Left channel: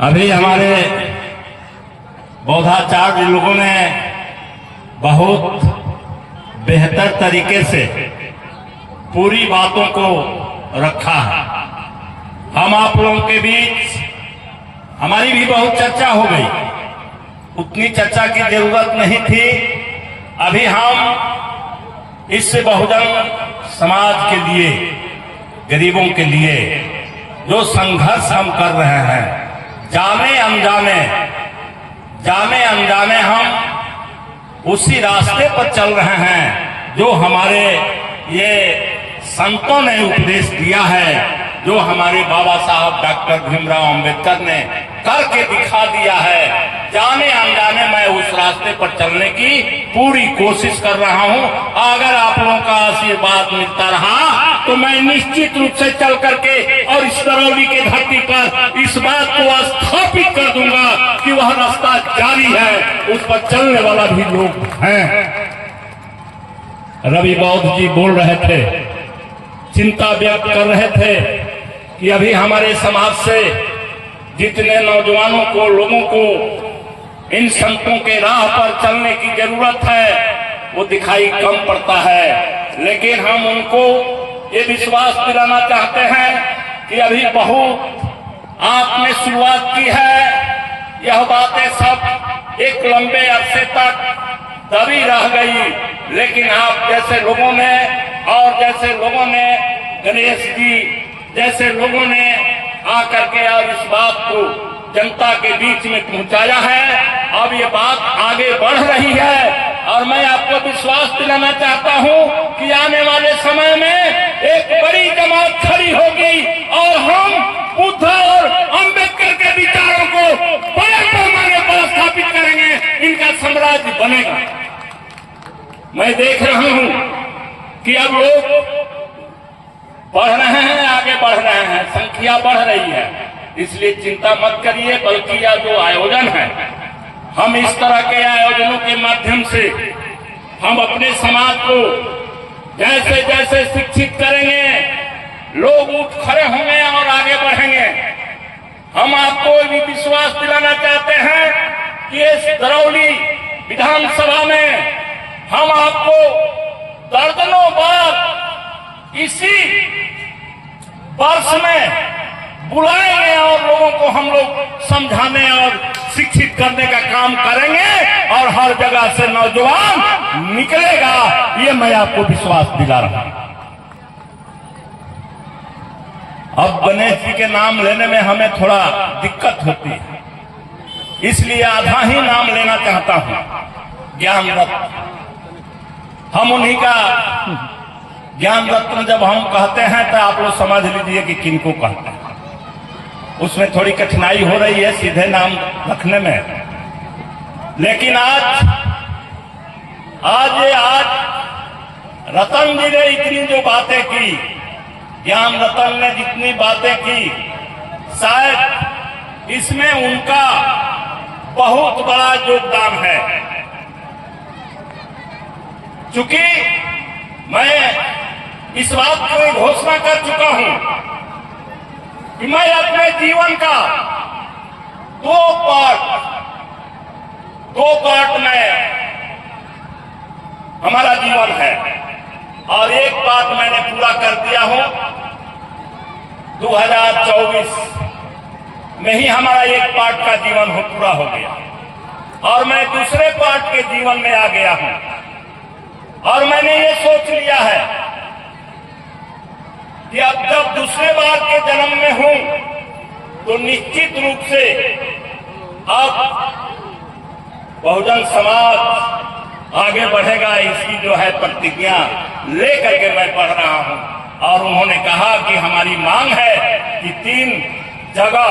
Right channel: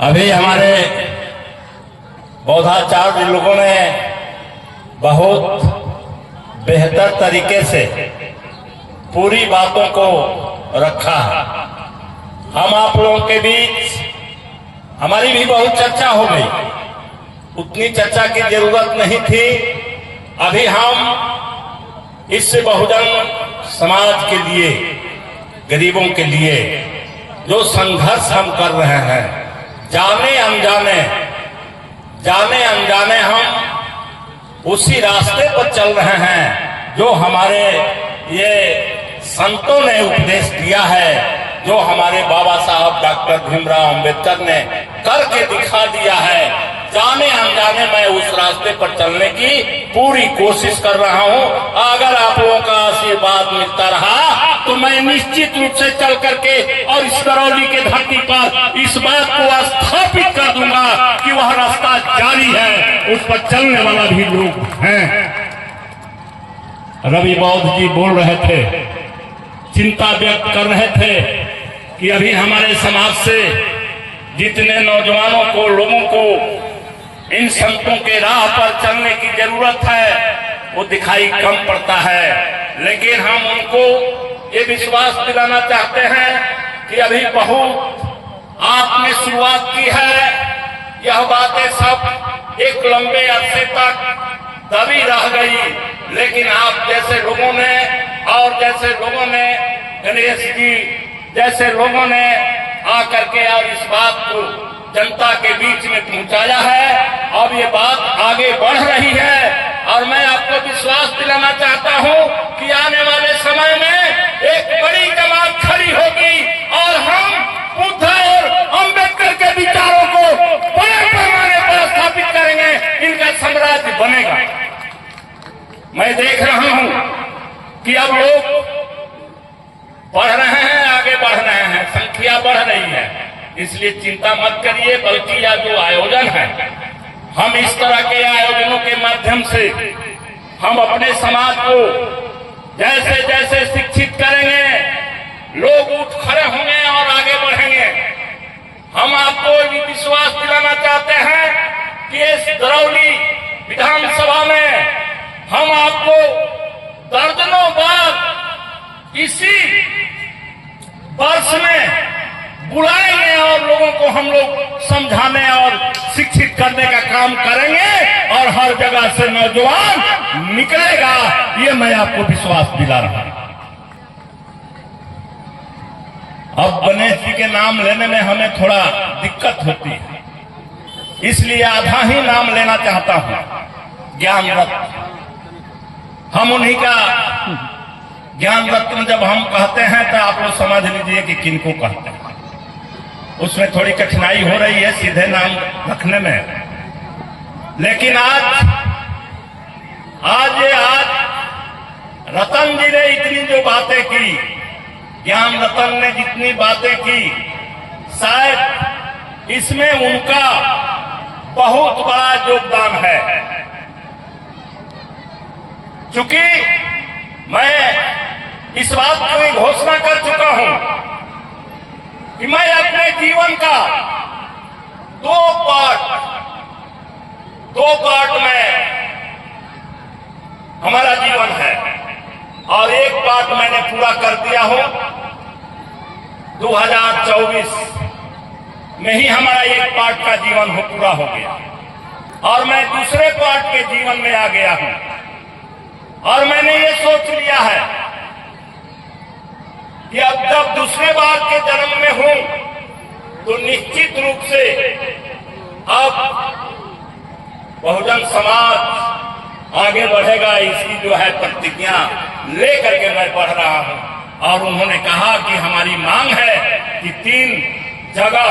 अभी हमारे बौद्धाचार्य लोगों ने बहुत बेहतर तरीके से पूरी बातों को रखा है। हम आप लोगों के बीच हमारी भी बहुत चर्चा हो गई, उतनी चर्चा की जरूरत नहीं थी। अभी हम इस बहुजन समाज के लिए, गरीबों के लिए जो संघर्ष हम कर रहे हैं, जाने अनजाने हम उसी रास्ते पर चल रहे हैं जो हमारे ये संतों ने उपदेश दिया है, जो हमारे बाबा साहब डॉक्टर भीमराव अंबेडकर ने करके दिखा दिया है। जाने अनजाने मैं उस रास्ते पर चलने की पूरी कोशिश कर रहा हूं। अगर आप लोगों का आशीर्वाद मिलता रहा तो मैं निश्चित रूप से चल करके और इस करौली के धरती पर इस बात को स्थापित कर दूंगा कि वह रास्ता जारी है, उस पर चलने वाला भी लोग हैं। रवि बौद्ध जी बोल रहे थे, चिंता व्यक्त कर रहे थे कि अभी हमारे समाज से जितने नौजवानों को, लोगों को इन संतों के राह पर चलने की जरूरत है वो दिखाई कम पड़ता है। लेकिन हम उनको ये विश्वास दिलाना चाहते हैं कि अभी बहुत आपने शुरुआत की है। यह बातें सब एक लंबे अरसे तक दबी रह गई, लेकिन आप जैसे लोगों ने और जैसे लोगों ने गणेश जी जैसे लोगों ने आकर के और इस बात को जनता के बीच में पहुंचाया है। अब ये बात आगे बढ़ रही है और मैं आपको विश्वास दिलाना चाहता हूं कि आने वाले समय में एक बड़ी जमात खड़ी होगी और हम बुद्ध और अंबेडकर के विचारों को बड़े पैमाने पर स्थापित करेंगे, इनका साम्राज्य बनेगा। मैं देख रहा हूं कि अब लोग बढ़ रहे हैं, आगे बढ़ रहे हैं, संख्या बढ़ रही है, इसलिए चिंता मत करिए। बल्कि यह जो आयोजन है, हम इस तरह के आयोजनों के माध्यम से हम अपने समाज को जैसे जैसे शिक्षित करेंगे, लोग उठ खड़े होंगे और आगे बढ़ेंगे। हम आपको ये विश्वास दिलाना चाहते हैं कि इस करौली विधानसभा में हम आपको दर्जनों बार इसी वर्ष में बुलाएंगे और लोगों को हम लोग समझाने और शिक्षित करने का काम करेंगे और हर जगह से नौजवान निकलेगा, ये मैं आपको विश्वास दिला रहा हूं। अब गणेश जी के नाम लेने में हमें थोड़ा दिक्कत होती है, इसलिए आधा ही नाम लेना चाहता हूं। ज्ञान रत्न, हम उन्हीं का ज्ञान रत्न जब हम कहते हैं तो आप लोग समझ लीजिए कि किनको कहते हैं। उसमें थोड़ी कठिनाई हो रही है सीधे नाम रखने में, लेकिन आज रतन जी ने इतनी जो बातें की, ज्ञान रतन ने जितनी बातें की, शायद इसमें उनका बहुत बड़ा योगदान है। चूंकि मैं इस बात की घोषणा कर चुका हूं कि मैं अपने जीवन का दो पार्ट में हमारा जीवन है और एक पार्ट मैंने पूरा कर दिया हूं। 2024 में ही हमारा एक पार्ट का जीवन पूरा हो गया और मैं दूसरे पार्ट के जीवन में आ गया हूं और मैंने ये सोच लिया है कि अब जब दूसरे बार के जन्म में हूं तो निश्चित रूप से अब बहुजन समाज आगे बढ़ेगा, इसकी जो है प्रतिज्ञा लेकर के मैं बढ़ रहा हूं। और उन्होंने कहा कि हमारी मांग है कि 3 जगह,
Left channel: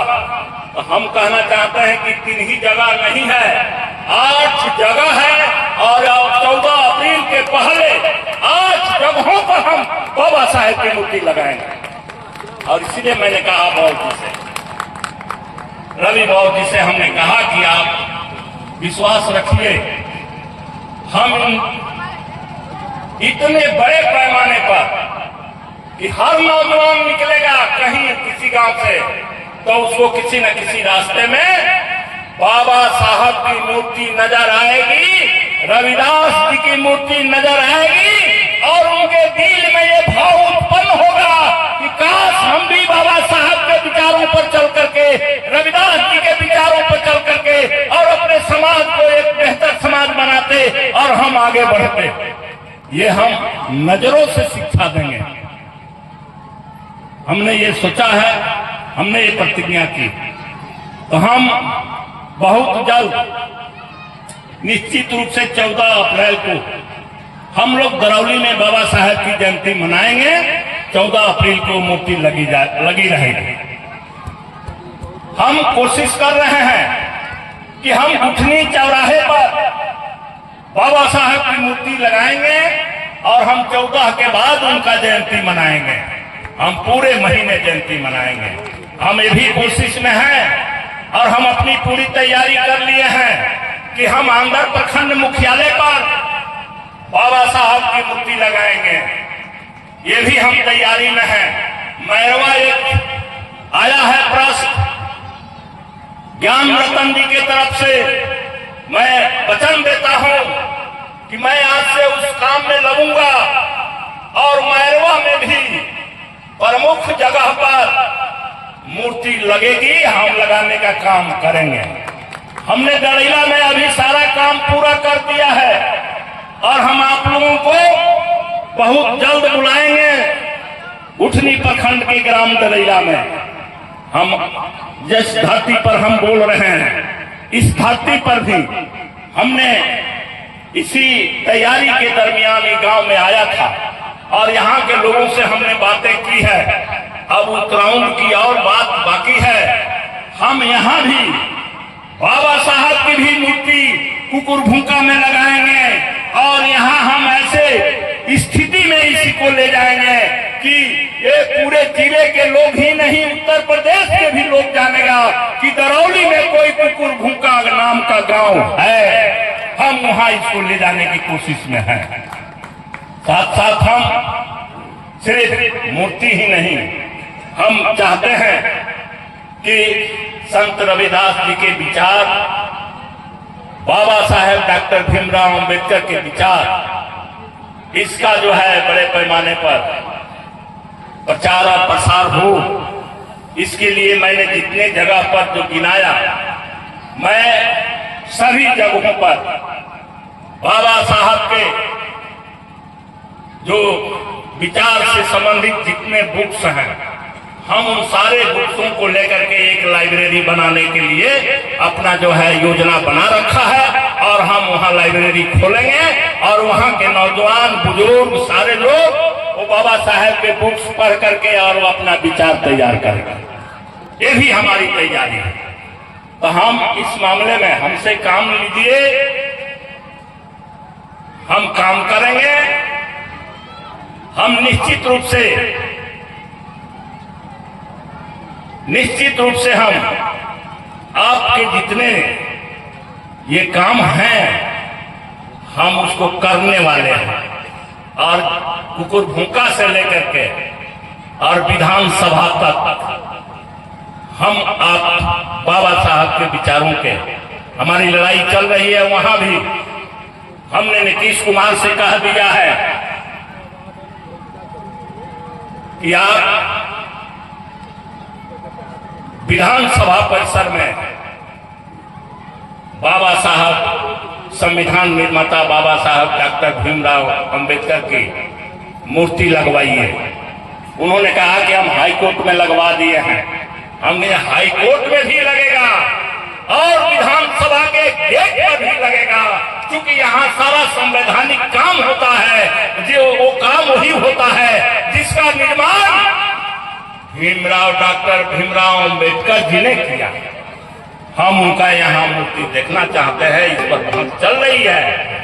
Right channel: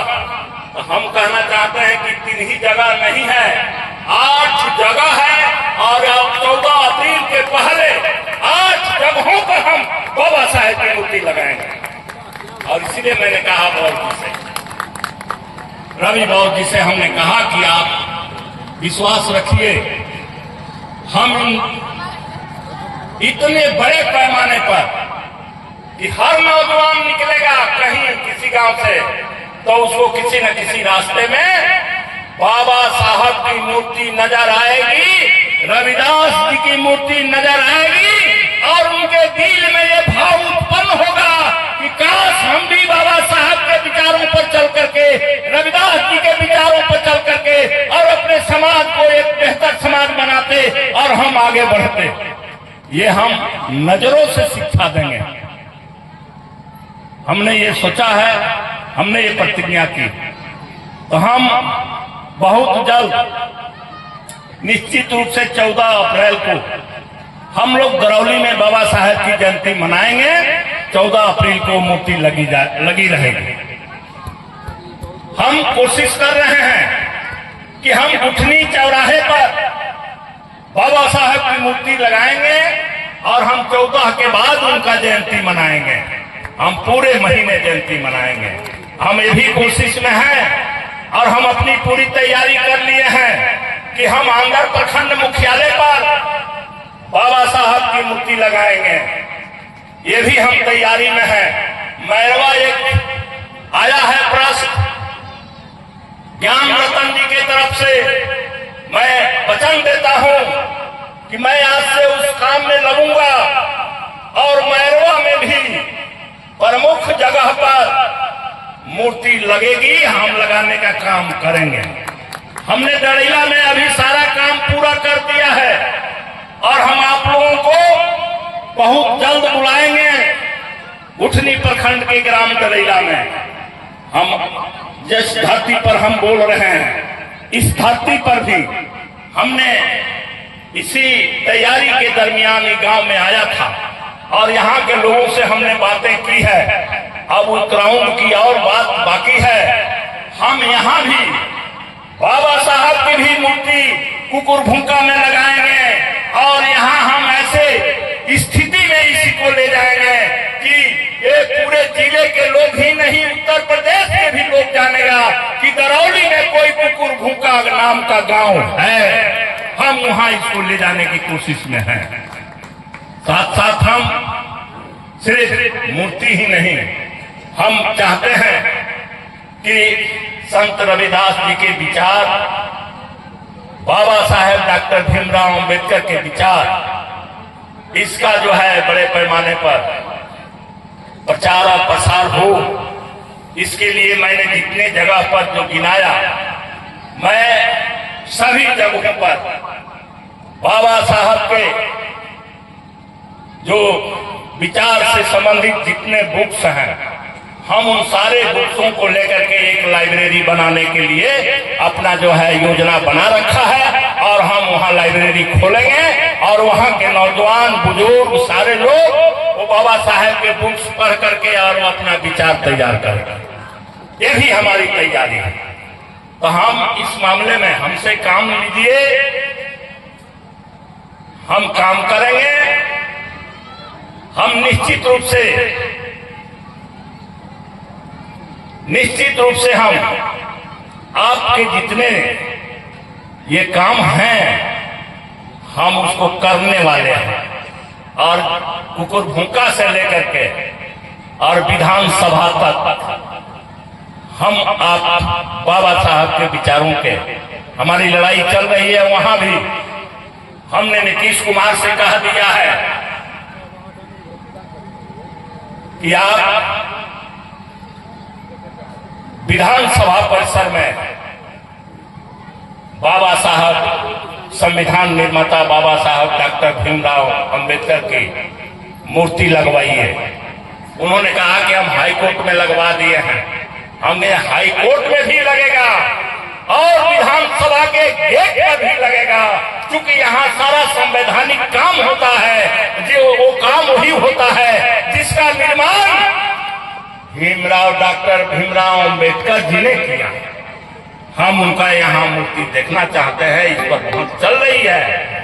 तो हम कहना चाहते हैं कि 3 ही जगह नहीं है, 8 जगह है और 14 अप्रैल के पहले 8 जगहों पर हम बाबा साहेब की मूर्ति लगाएंगे। और इसीलिए मैंने कहा बौद्ध जी से, रवि बौद्ध जी से हमने कहा कि आप विश्वास रखिए, हम इतने बड़े पैमाने पर कि हर नौजवान निकलेगा कहीं किसी गांव से तो उसको किसी न किसी रास्ते में बाबा साहब की मूर्ति नजर आएगी, रविदास जी की मूर्ति नजर आएगी और उनके दिल में ये भाव उत्पन्न होगा कि काश हम भी बाबा साहब के विचारों पर चल करके, रविदास जी के विचारों पर चल करके और अपने समाज को एक बेहतर समाज बनाते और हम आगे बढ़ते। ये हम नजरों से शिक्षा देंगे। हमने ये सोचा है, हमने ये प्रतिज्ञा की, तो हम बहुत जल्द निश्चित रूप से 14 अप्रैल को हम लोग दरौली में बाबा साहब की जयंती मनाएंगे। 14 अप्रैल को मूर्ति लगी रहेगी। हम कोशिश कर रहे हैं कि हम गुठनी चौराहे पर बाबा साहब की मूर्ति लगाएंगे और हम 14 के बाद उनका जयंती मनाएंगे। हम पूरे महीने जयंती मनाएंगे। हम ये भी कोशिश में हैं और हम अपनी पूरी तैयारी कर लिए हैं कि हम आंध्र प्रखंड मुख्यालय पर बाबा साहब की मूर्ति लगाएंगे। ये भी हम तैयारी में हैं। मैरवा एक आया है प्रश्न ज्ञान रतन जी की तरफ से। मैं वचन देता हूं कि मैं आज से उस काम में लगूंगा और मैरवा में भी प्रमुख जगह पर मूर्ति लगेगी। हम लगाने का काम करेंगे। हमने डड़ैला में अभी सारा काम पूरा कर दिया है और हम आप लोगों को बहुत जल्द बुलाएंगे उठनी प्रखंड के ग्राम डड़ैला में। हम जिस धरती पर हम बोल रहे हैं, इस धरती पर भी हमने इसी तैयारी के दरमियान ये गांव में आया था और यहाँ के लोगों से हमने बातें की है। अब उत्तराखंड की और बात बाकी है। हम यहाँ भी बाबा साहब की भी मूर्ति कुकुरभुंका में लगाएंगे और यहाँ हम ऐसे स्थिति में इसी को ले जाएंगे कि ये पूरे जिले के लोग ही नहीं, उत्तर प्रदेश के भी लोग जानेगा कि दरौली में कोई कुकुरभुंका नाम का गांव है। हम वहां इसको ले जाने की कोशिश में हैं। साथ साथ हम सिर्फ मूर्ति ही नहीं, हम चाहते हैं कि संत रविदास जी के विचार, बाबा साहेब डॉक्टर भीमराव अंबेडकर के विचार, इसका जो है बड़े पैमाने पर प्रचार और प्रसार हो। इसके लिए मैंने जितने जगह पर जो गिनाया, मैं सभी जगहों पर बाबा साहब के जो विचार से संबंधित जितने बुक्स हैं, हम उन सारे बुक्सों को लेकर के एक लाइब्रेरी बनाने के लिए अपना जो है योजना बना रखा है और हम वहाँ लाइब्रेरी खोलेंगे और वहाँ के नौजवान बुजुर्ग सारे लोग वो बाबा साहेब के बुक्स पढ़ करके और वो अपना विचार तैयार करेंगे। ये भी हमारी तैयारी है। तो हम इस मामले में हमसे काम लीजिए, हम काम करेंगे। हम निश्चित रूप से हम आपके जितने ये काम हैं हम उसको करने वाले हैं और कुकुरभुंका से लेकर के और विधानसभा तक हम आप बाबा साहब के विचारों के हमारी लड़ाई चल रही है। वहां भी हमने नीतीश कुमार से कह दिया है कि आप विधानसभा परिसर में बाबा साहब संविधान निर्माता बाबा साहब डॉक्टर भीमराव अंबेडकर की मूर्ति लगवाइए। उन्होंने कहा कि हम हाई कोर्ट में लगवा दिए हैं। हमने हाई कोर्ट में भी लगेगा और विधानसभा के गेट पर भी लगेगा, क्योंकि यहाँ सारा संवैधानिक काम होता है। जो वो काम वही होता है जिसका निर्माण डॉक्टर भीमराव अंबेडकर जी ने किया। हम उनका यहाँ मूर्ति देखना चाहते हैं। इस पर बहुत चल रही है।